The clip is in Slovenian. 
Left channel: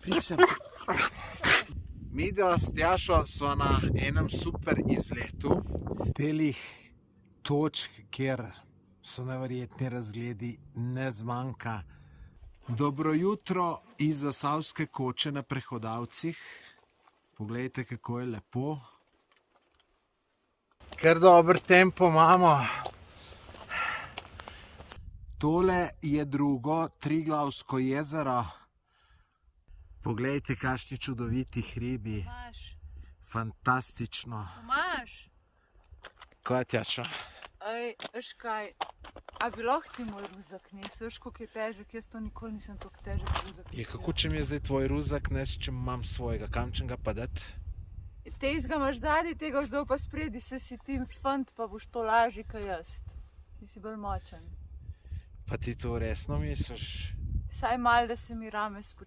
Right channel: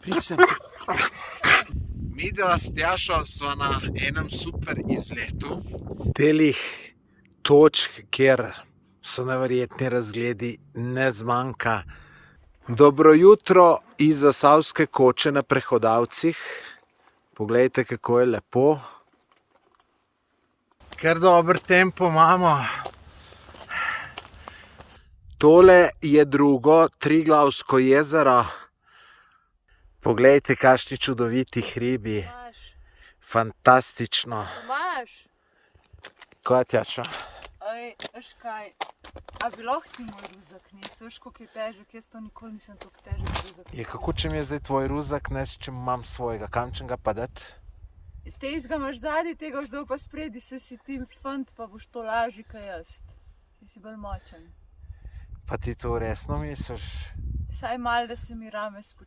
Pričem. Midva s Tjašo sva na enem super izletu. Telih točk, kjer so neverjetni razgledi, ne zmanjka. Dobro jutro iz Zasavske koče na Prehodavcih. Poglejte, kako je lepo. Kar dober tempo imamo. Tole je drugo Triglavsko jezero. Poglejte, kakšni čudoviti hribi. Fantastično. Tomaž, Kaj, Tjaša? veš kaj, a bi lahko ti moj ruzak nesel, veš koliko je težek, jaz to nikoli nisem tako težek ruzak. Je, kako če mi je zdaj tvoj ruzak, nes, če imam svojega, kam čem ga pa dati? Tega imaš zadnji, tega boš dal pa spredi, se si ti fant, pa boš to lažji kaj jaz. Ti si bolj močen. Pa ti to resno misliš? Saj malo, da se mi rame